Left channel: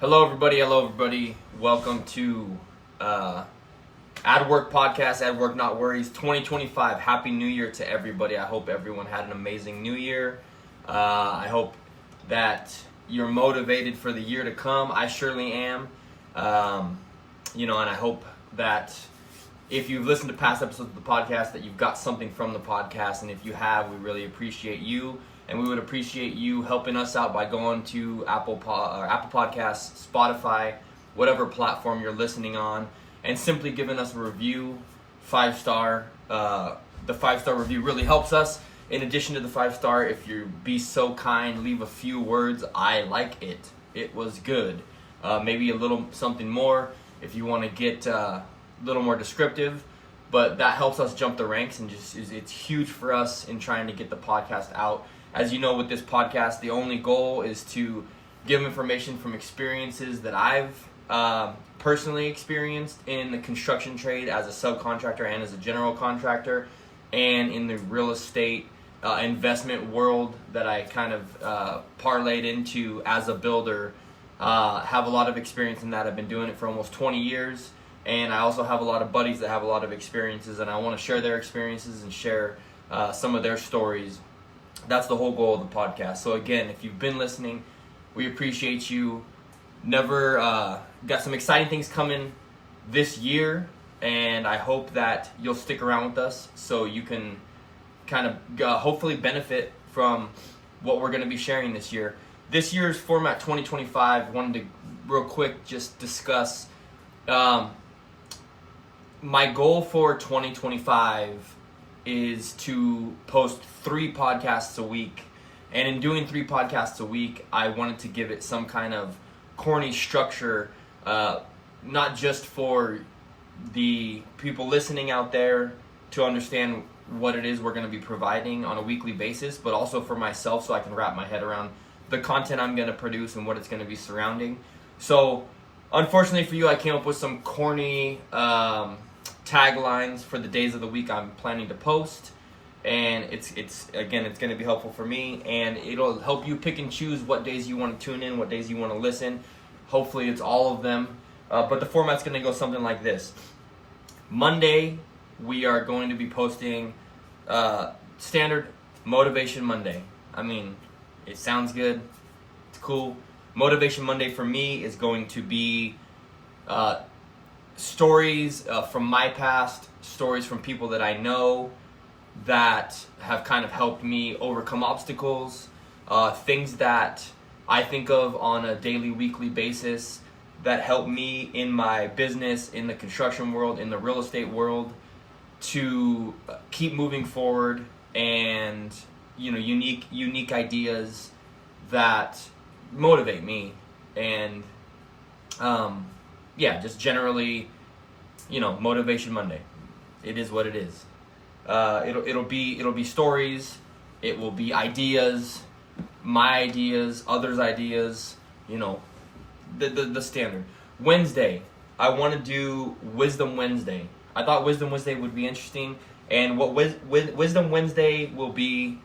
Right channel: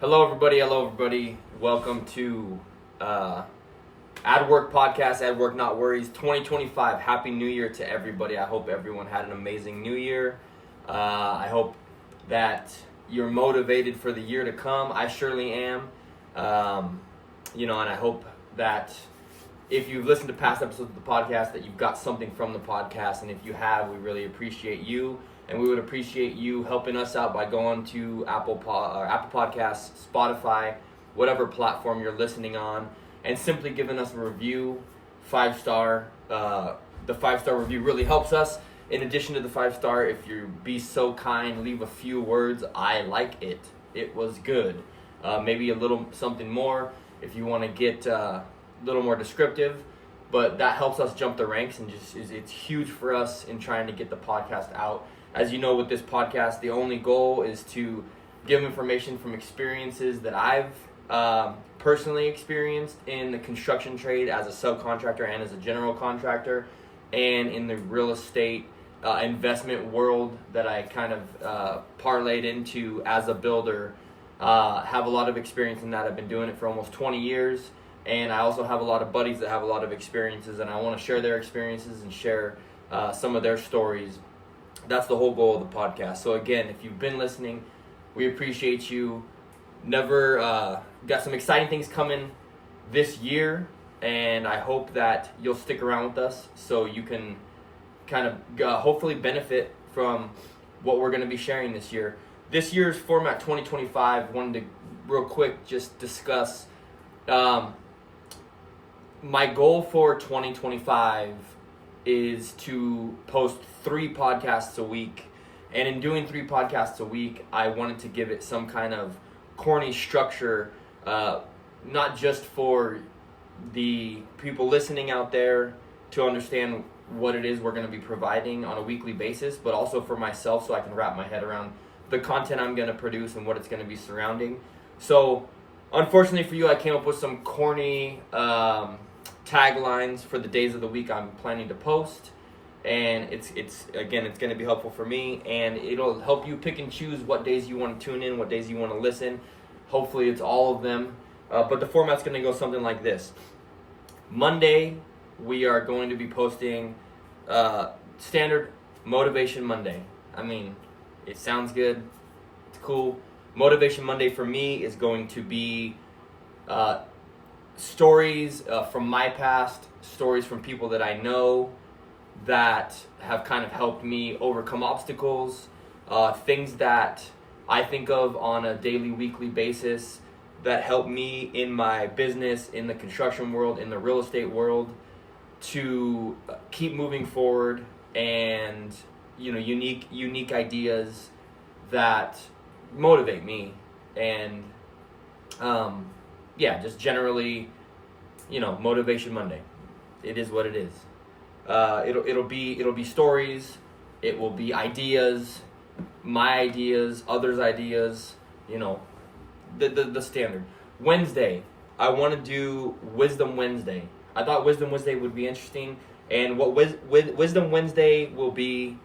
Hello, everybody. Hello, everybody. Welcome to Ad Work Podcast, Ad Work Not Worries 2025. Happy New Year to everybody. I hope everyone had an amazing New Year. I hope that you're motivated for the year to come. I surely am. And I hope that if you've listened to past episodes of the podcast, that you've got something from the podcast. And if you have, we really appreciate you. And we would appreciate you helping us out by going to Apple Podcasts, Spotify, whatever platform you're listening on, and simply giving us a review, 5-star. The 5-star review really helps us. In addition to the 5-star, if you be so kind, leave a few words. I like it. It was good. Maybe a little something more if you want to get a little more descriptive. But that helps us jump the ranks, and it's huge for us in trying to get the podcast out. As you know, with this podcast, the only goal is to give information from experiences that I've personally experienced in the construction trade as a subcontractor and as a general contractor, and in the real estate investment world that I kind of parlayed into as a builder. Have a lot of experience in that. I've been doing it for almost 20 years, and I also have a lot of buddies that have a lot of experiences, and I want to share their experiences and share some of their stories. That's the whole goal of the podcast. So again, if you've been listening, we appreciate you. Got some exciting things coming this year, and I hope that you'll stick around with us so you can kind of hopefully benefit from what we're going to be sharing this year. This year's format 2025, wanted to real quick just discuss my goal for 2025 is to post 3 podcasts a week. And in doing 3 podcasts a week, I wanted to give it some kind of corny structure, not just for the people listening out there to understand what it is we're going to be providing on a weekly basis, but also for myself so I can wrap my head around the content I'm going to produce and what it's going to be surrounding. So, unfortunately for you, I came up with some corny taglines for the days of the week I'm planning to post, and it's going to be helpful for me, and it'll help you pick and choose what days you want to tune in, what days you want to listen. Hopefully it's all of them, but the format's going to go something like this. Monday, we are going to be posting standard Motivation Monday. I mean, it sounds good, it's cool. Motivation Monday for me is going to be stories from my past, stories from people that I know that have kind of helped me overcome obstacles, things that I think of on a daily, weekly basis that help me in my business, in the construction world, in the real estate world, to keep moving forward, and unique ideas that motivate me, and just generally, Motivation Monday. It is what it is. It'll be stories. It will be ideas, my ideas, others' ideas. The standard. Wednesday, I want to do Wisdom Wednesday. I thought Wisdom Wednesday would be interesting, and what Wisdom Wednesday will be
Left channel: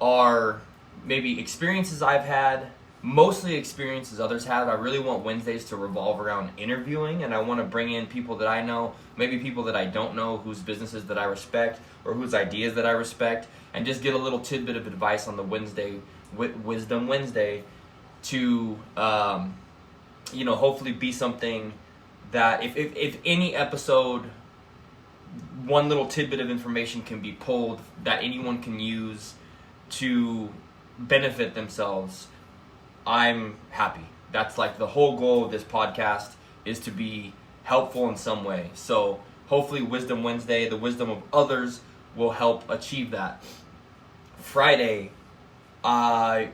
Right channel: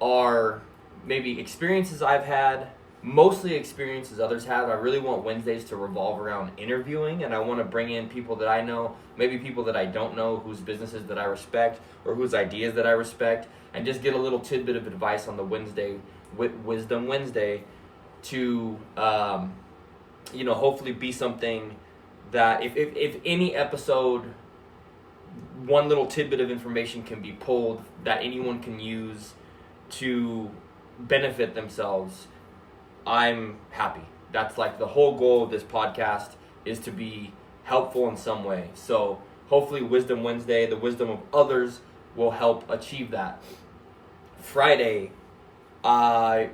are maybe experiences I've had. Mostly experiences others have. I really want Wednesdays to revolve around interviewing, and I want to bring in people that I know, maybe people that I don't know, whose businesses that I respect or whose ideas that I respect, and just get a little tidbit of advice on the Wisdom Wednesday to, hopefully be something that if any episode, one little tidbit of information can be pulled that anyone can use to benefit themselves, I'm happy. That's like the whole goal of this podcast, is to be helpful in some way. So hopefully Wisdom Wednesday, the wisdom of others, will help achieve that. Friday, I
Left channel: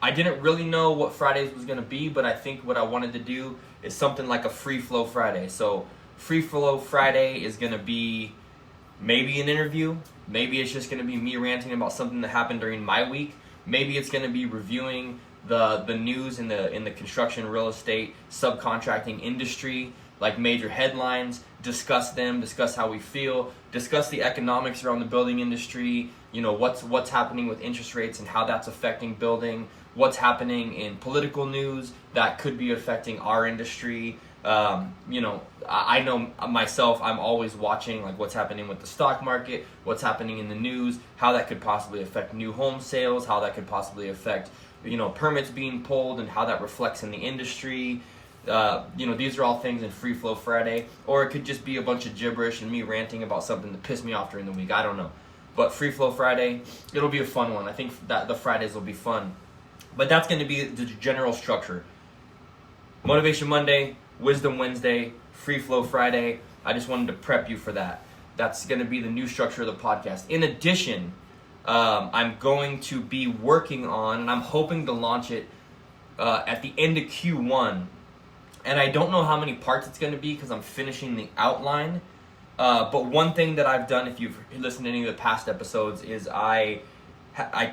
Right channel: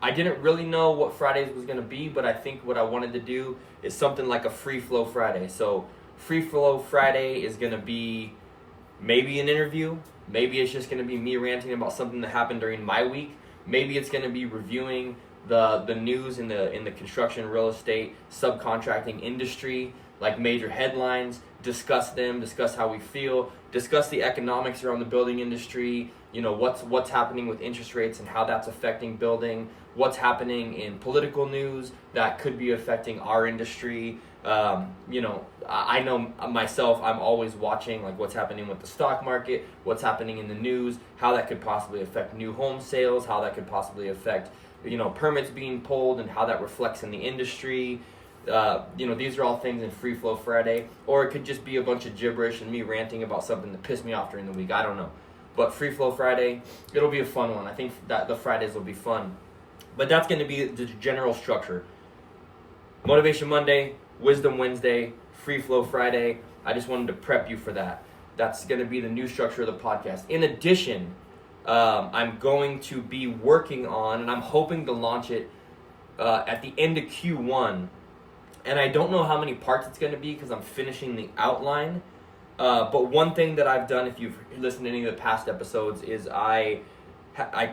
didn't really know what Fridays was going to be, but I think what I wanted to do is something like a free flow Friday. So free flow Friday is going to be maybe an interview. Maybe it's just going to be me ranting about something that happened during my week. Maybe it's going to be reviewing the news in the construction, real estate, subcontracting industry, like major headlines, discuss how we feel, discuss the economics around the building industry, what's happening with interest rates and how that's affecting building, what's happening in political news that could be affecting our industry. I know myself, I'm always watching like what's happening with the stock market, what's happening in the news, how that could possibly affect new home sales, how that could possibly affect, permits being pulled and how that reflects in the industry. These are all things in Free Flow Friday, or it could just be a bunch of gibberish and me ranting about something that pissed me off during the week. I don't know. But Free Flow Friday, it'll be a fun one. I think that the Fridays will be fun. But that's going to be the general structure. Motivation Monday, Wisdom Wednesday, Free Flow Friday. I just wanted to prep you for that. That's going to be the new structure of the podcast. In addition, I'm going to be working on, and I'm hoping to launch it at the end of Q1. And I don't know how many parts it's going to be because I'm finishing the outline. But one thing that I've done, if you've listened to any of the past episodes, is I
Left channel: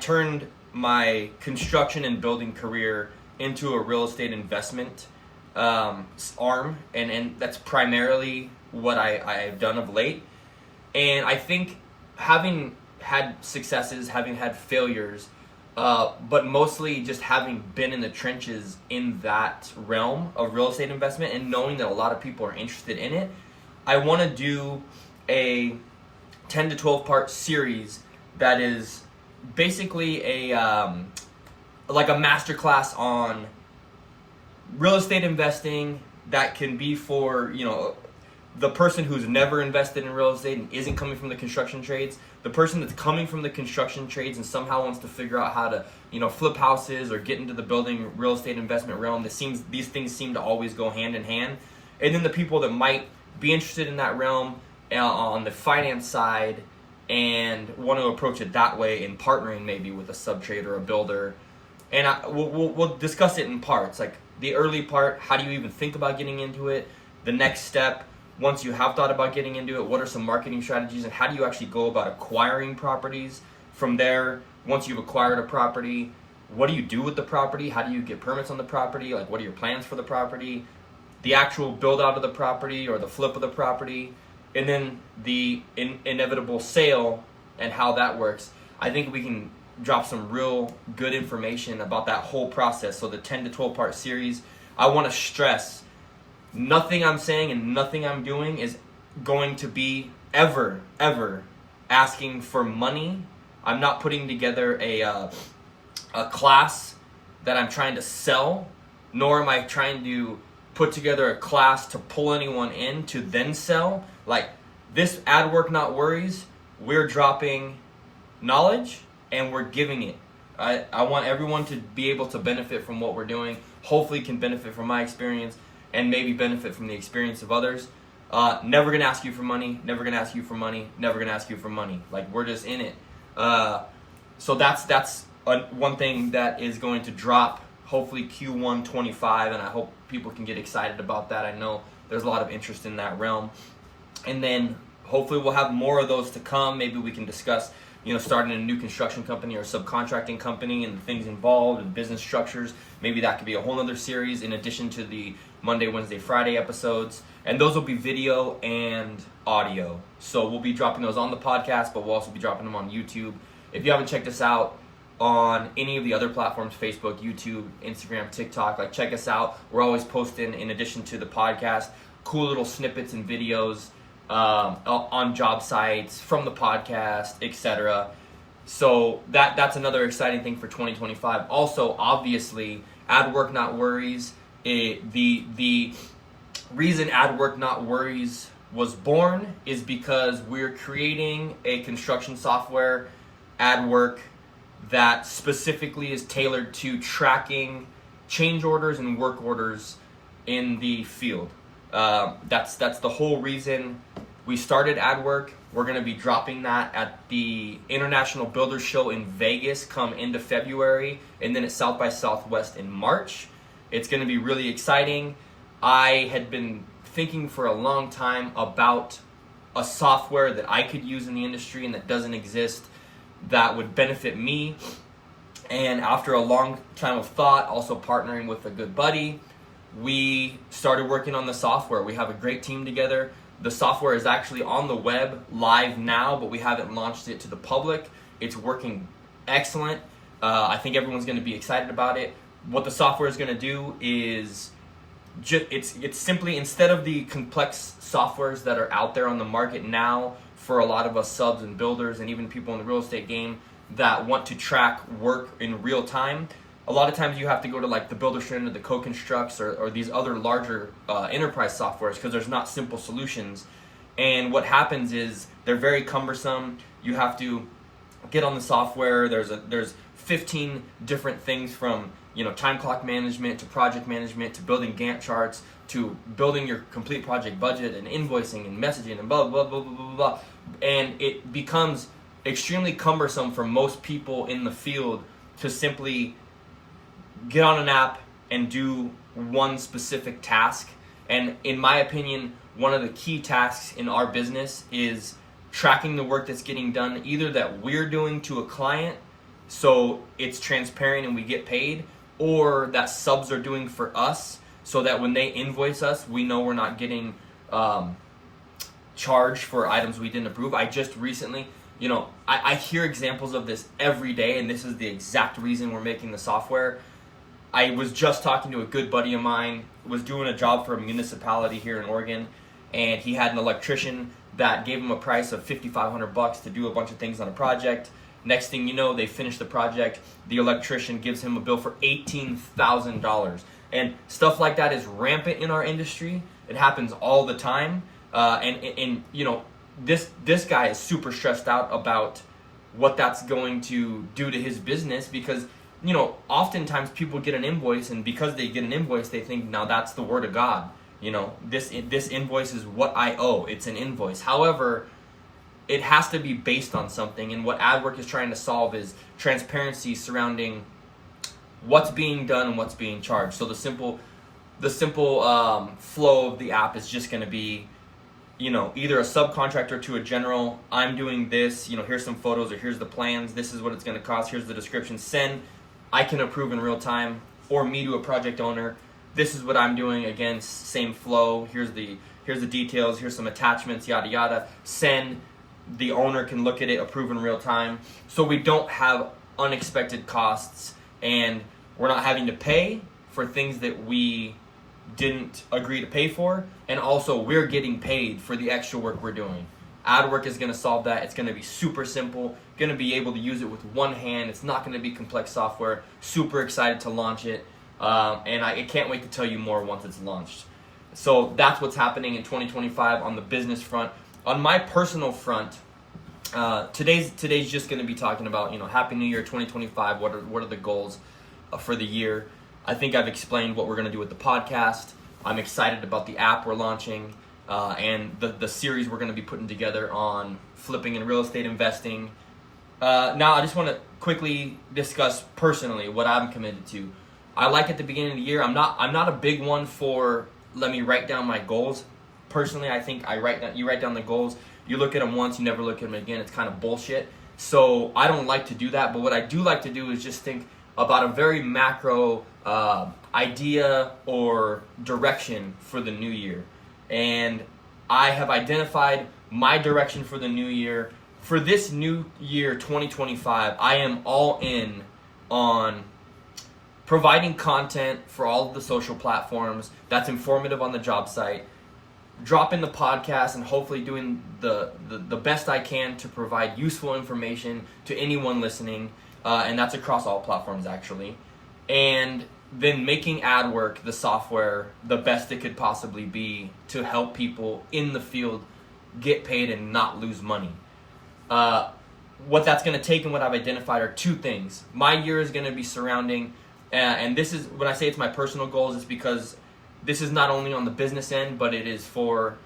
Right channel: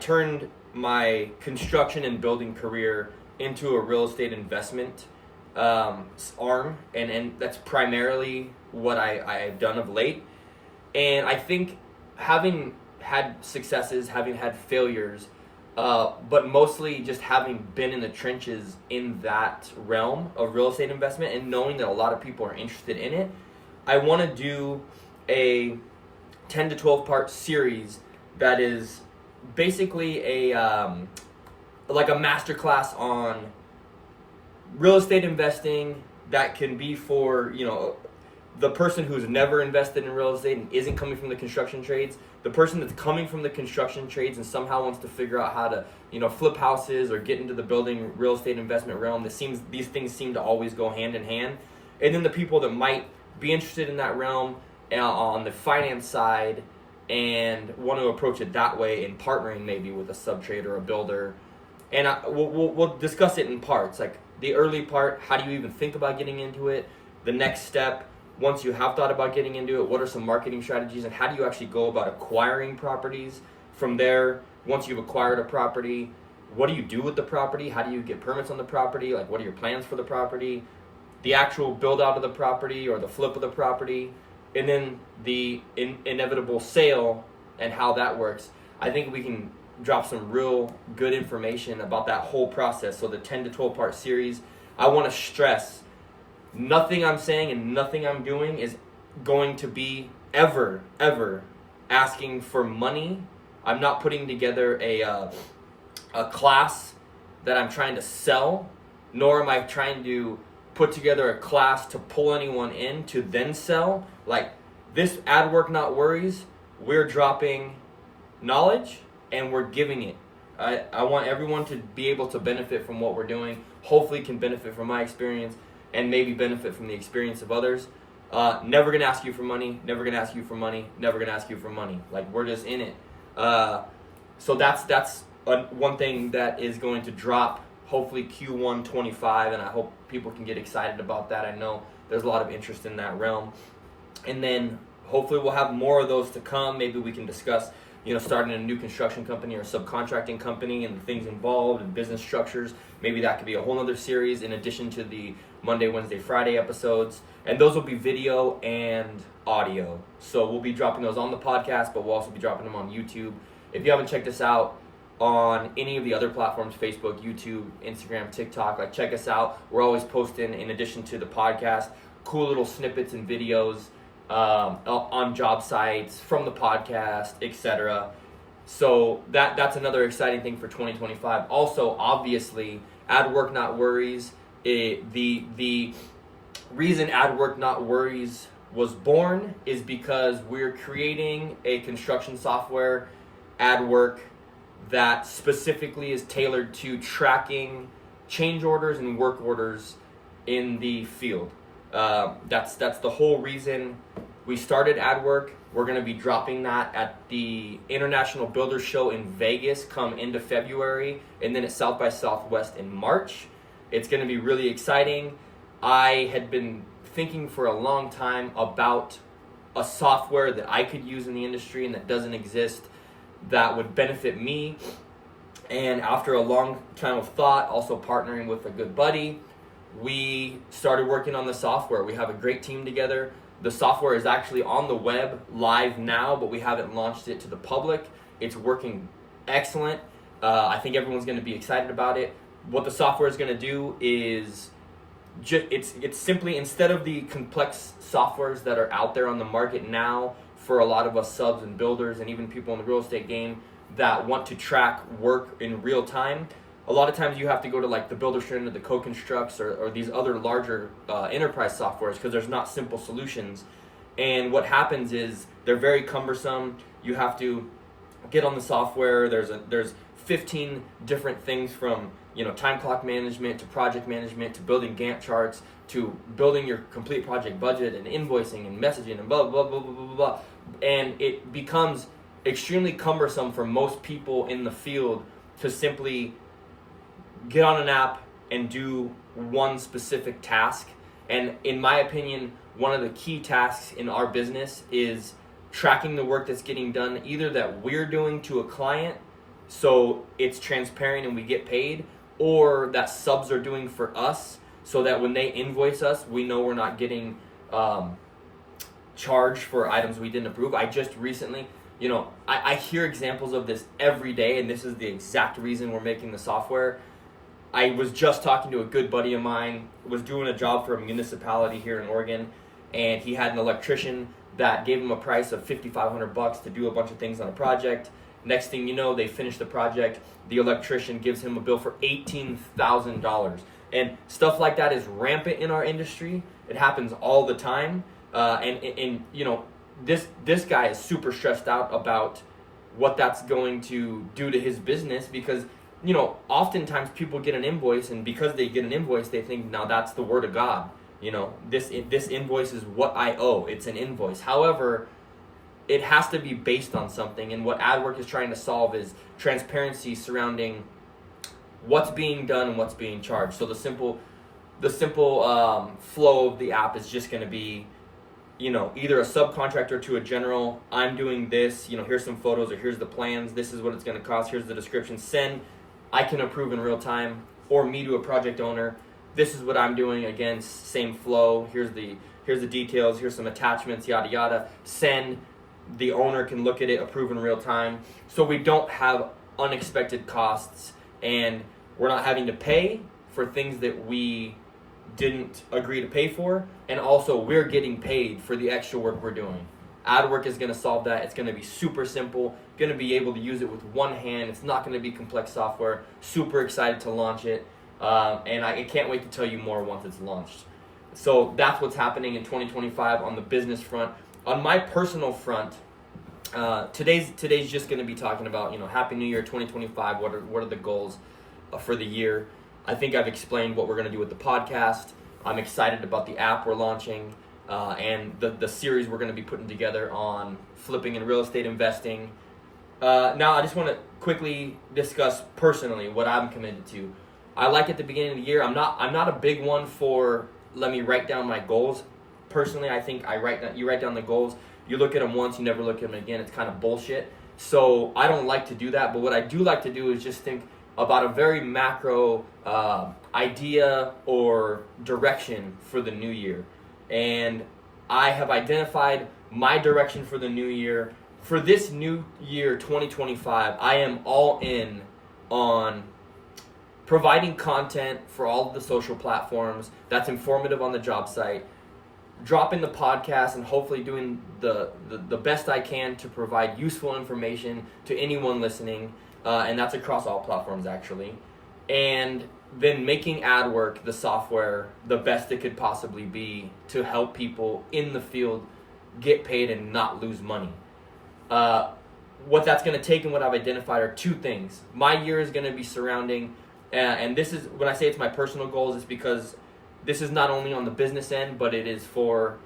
turned my construction and building career into a real estate investment arm, and that's primarily what I've done of late. And I think having had successes, having had failures, but mostly just having been in the trenches in that realm of real estate investment and knowing that a lot of people are interested in it, I want to do a 10 to 12 part series that is basically like a masterclass on real estate investing that can be for, the person who's never invested in real estate and isn't coming from the construction trades, the person that's coming from the construction trades and somehow wants to figure out how to, flip houses or get into the building real estate investment realm. These things seem to always go hand in hand. And then the people that might be interested in that realm on the finance side and want to approach it that way in partnering maybe with a sub-trade or a builder. And we'll discuss it in parts, like the early part, how do you even think about getting into it? The next step, once you have thought about getting into it, what are some marketing strategies and how do you actually go about acquiring properties? From there, once you've acquired a property, what do you do with the property? How do you get permits on the property? Like, what are your plans for the property? The actual build out of the property or the flip of the property, and then the inevitable sale and how that works. I think we can drop some real good information about that whole process. So the 10 to 12 part series, I want to stress nothing I'm saying and nothing I'm doing is going to be ever asking for money. I'm not putting together a class that I'm trying to sell, nor am I trying to put together a class to pull anyone in to then sell. Like this Ad Work Not Worries, we're dropping knowledge and we're giving it. I want everyone to be able to benefit from what we're doing, hopefully can benefit from my experience and maybe benefit from the experience of others. Never gonna ask you for money, never gonna ask you for money, never gonna ask you for money. Like we're just in it. So that's one thing that is going to drop hopefully Q1 25, and I hope people can get excited about that. I know there's a lot of interest in that realm. And then hopefully we'll have more of those to come. Maybe we can discuss, starting a new construction company or subcontracting company and the things involved and business structures. Maybe that could be a whole other series in addition to the Monday, Wednesday, Friday episodes. And those will be video and audio. So we'll be dropping those on the podcast, but we'll also be dropping them on YouTube. If you haven't checked us out on any of the other platforms, Facebook, YouTube, Instagram, TikTok, like check us out. We're always posting, in addition to the podcast, cool little snippets and videos on job sites from the podcast, etc. So that's another exciting thing for 2025. Also, obviously, Ad Work Not Worries. The reason Ad Work Not Worries was born is because we're creating a construction software, Ad Work, that specifically is tailored to tracking change orders and work orders in the field. That's the whole reason we started Ad Work. We're going to be dropping that at the International Builders Show in Vegas come into February, and then at South by Southwest in March. It's going to be really exciting. I had been thinking for a long time about a software that I could use in the industry and that doesn't exist that would benefit me. And after a long time of thought, also partnering with a good buddy, we started working on the software. We have a great team together. The software is actually on the web live now, but we haven't launched it to the public. It's working excellent. I think everyone's going to be excited about it. What the software is going to do is it's simply, instead of the complex softwares that are out there on the market now for a lot of us subs and builders and even people in the real estate game that want to track work in real time, a lot of times you have to go to like the Builderstream or the Co-Constructs or these other larger enterprise softwares because there's not simple solutions. And what happens is they're very cumbersome. You have to get on the software. There's 15 different things from time clock management to project management to building Gantt charts to building your complete project budget and invoicing and messaging and blah blah blah blah blah blah. And it becomes extremely cumbersome for most people in the field to simply get on an app and do one specific task. And in my opinion, one of the key tasks in our business is tracking the work that's getting done, either that we're doing to a client so it's transparent and we get paid, or that subs are doing for us so that when they invoice us, we know we're not getting charged for items we didn't approve. I just recently, I hear examples of this every day, and this is the exact reason we're making the software. I was just talking to a good buddy of mine, was doing a job for a municipality here in Oregon, and he had an electrician that gave him a price of $5,500 to do a bunch of things on a project. Next thing you know, they finish the project. The electrician gives him a bill for $18,000. And stuff like that is rampant in our industry. It happens all the time. This guy is super stressed out about what that's going to do to his business because, oftentimes people get an invoice, and because they get an invoice, they think, now that's the word of God. This invoice is what I owe. It's an invoice. However, it has to be based on something, and what AdWork is trying to solve is transparency surrounding what's being done and what's being charged. So the simple flow of the app is just going to be, either a subcontractor to a general. I'm doing this. Here's some photos, or here's the plans. This is what it's going to cost. Here's the description. Send. I can approve in real time, or me to a project owner. This is what I'm doing. Again, same flow. Here's the details. Here's some attachments. Yada yada. Send. The owner can look at it, approve in real time. So we don't have unexpected costs, and we're not having to pay for things that we didn't agree to pay for. And also we're getting paid for the extra work we're doing. AdWork is going to solve that. It's going to be super simple. Going to be able to use it with one hand. It's not going to be complex software. Super excited to launch it. And I can't wait to tell you more once it's launched. So that's what's happening in 2025 on the business front. On my personal front, today's just going to be talking about, Happy New Year 2025. What are the goals for the year? I think I've explained what we're going to do with the podcast. I'm excited about the app we're launching and the series we're going to be putting together on flipping and real estate investing. Now, I just want to quickly discuss personally what I'm committed to. I like at the beginning of the year, I'm not a big one for let me write down my goals. Personally, I think you write down the goals, you look at them once, you never look at them again. It's kind of bullshit. So I don't like to do that. But what I do like to do is just think about a very macro idea or direction for the new year. And I have identified my direction for the new year. For this new year, 2025, I am all in on providing content for all of the social platforms that's informative on the job site, dropping the podcast, and hopefully doing the best I can to provide useful information to anyone listening, and that's across all platforms actually. And then making AdWork, the software, the best it could possibly be to help people in the field get paid and not lose money. What that's going to take and what I've identified are two things. My year is going to be surrounding, and this is, when I say it's my personal goals, it's because this is not only on the business end, but it is for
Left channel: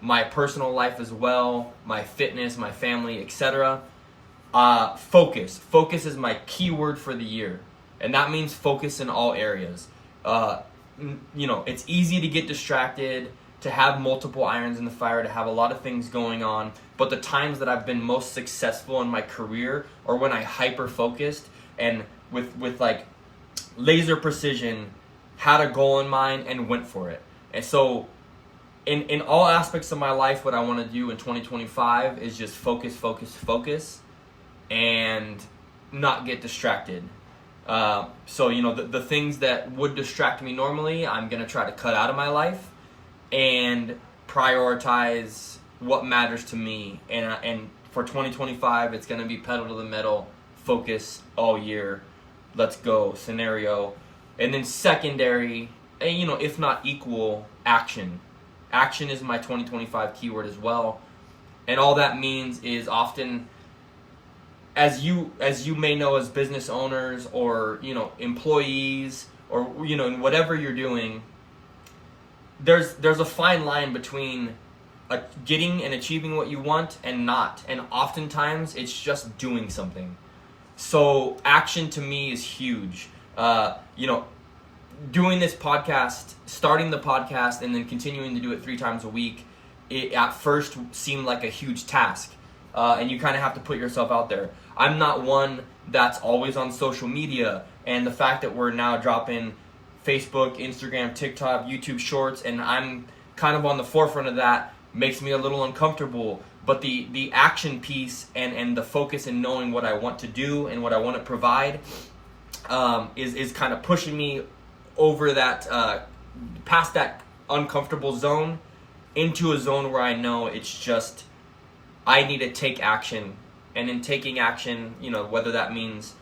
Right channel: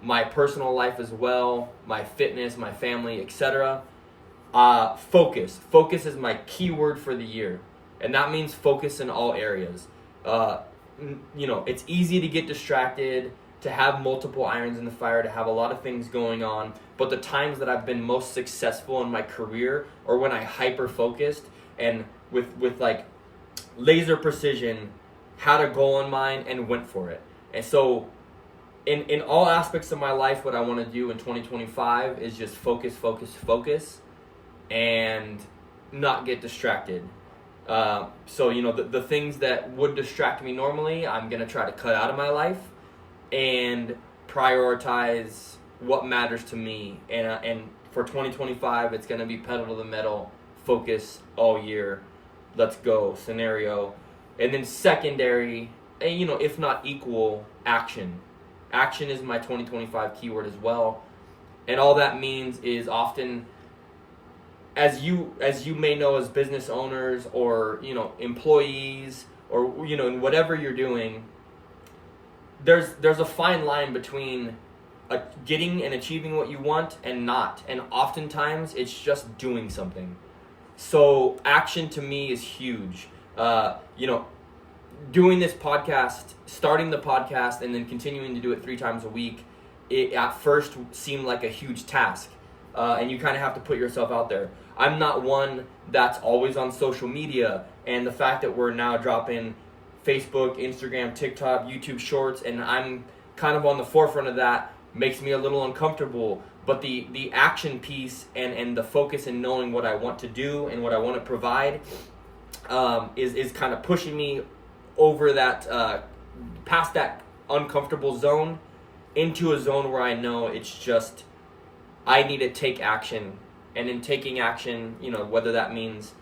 my personal life as well, my fitness, my family, etc. Focus. Focus is my key word for the year. And that means focus in all areas. It's easy to get distracted, to have multiple irons in the fire, to have a lot of things going on. But the times that I've been most successful in my career are when I hyper-focused and with like laser precision, had a goal in mind and went for it. And so in all aspects of my life, what I want to do in 2025 is just focus, focus, focus. and not get distracted. So, you know, the things that would distract me normally, I'm going to try to cut out of my life and prioritize what matters to me. And for 2025, it's going to be pedal to the metal, focus all year, let's go scenario. And then secondary, and, you know, if not equal, action. Action is my 2025 keyword as well. And all that means is often, as you may know, as business owners or, you know, employees, or, you know, in whatever you're doing, there's a fine line between getting and achieving what you want and not. And oftentimes it's just doing something. So action to me is huge. You know, doing this podcast, starting the podcast, and then continuing to do it 3 times a week, it at first seemed like a huge task. And you kind of have to put yourself out there. I'm not one that's always on social media, and the fact that we're now dropping Facebook, Instagram, TikTok, YouTube Shorts, and I'm kind of on the forefront of that, makes me a little uncomfortable. But the action piece and the focus and knowing what I want to do and what I want to provide is kind of pushing me over that, past that uncomfortable zone into a zone where I know it's just, I need to take action. And in taking action, you know, whether that means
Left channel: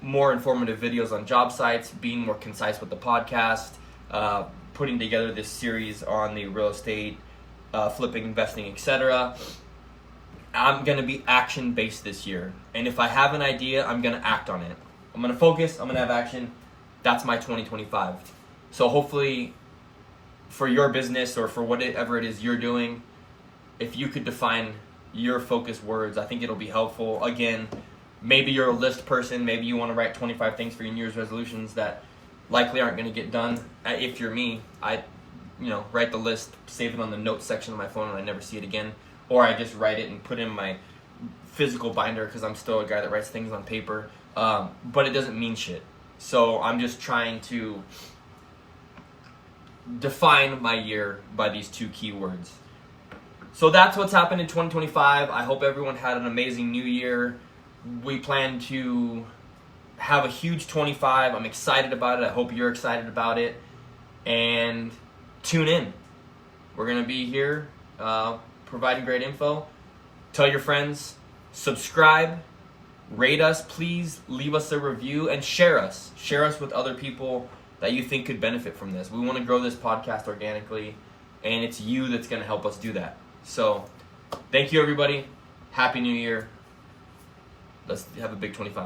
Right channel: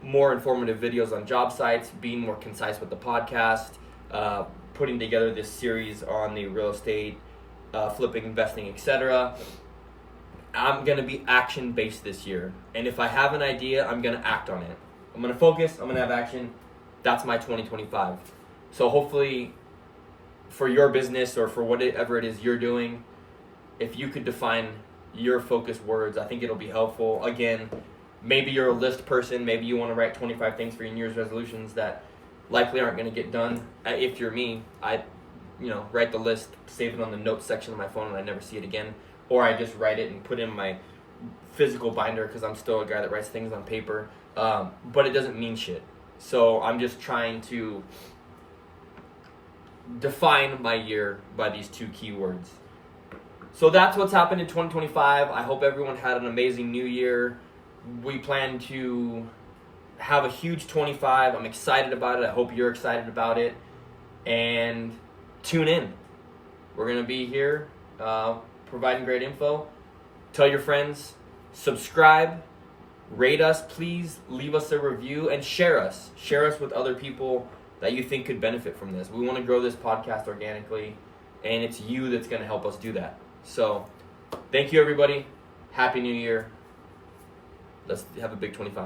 more informative videos on job sites, being more concise with the podcast, putting together this series on the real estate, flipping, investing, etc. I'm going to be action-based this year. And if I have an idea, I'm going to act on it. I'm going to focus, I'm going to have action. That's my 2025. So hopefully for your business or for whatever it is you're doing, if you could define your focus words, I think it'll be helpful. Again, maybe you're a list person. Maybe you want to write 25 things for your New Year's resolutions that likely aren't going to get done. If you're me, I, you know, write the list, save it on the notes section of my phone, and I never see it again. Or I just write it and put it in my physical binder because I'm still a guy that writes things on paper. But it doesn't mean shit. So I'm just trying to define my year by these 2 keywords. So that's what's happened in 2025. I hope everyone had an amazing new year. We plan to have a huge 25. I'm excited about it. I hope you're excited about it. And tune in. We're going to be here providing great info. Tell your friends. Subscribe. Rate us. Please leave us a review and share us. Share us with other people that you think could benefit from this. We want to grow this podcast organically, and it's you that's going to help us do that. So, thank you, everybody. Happy New Year. Let's have a big 25.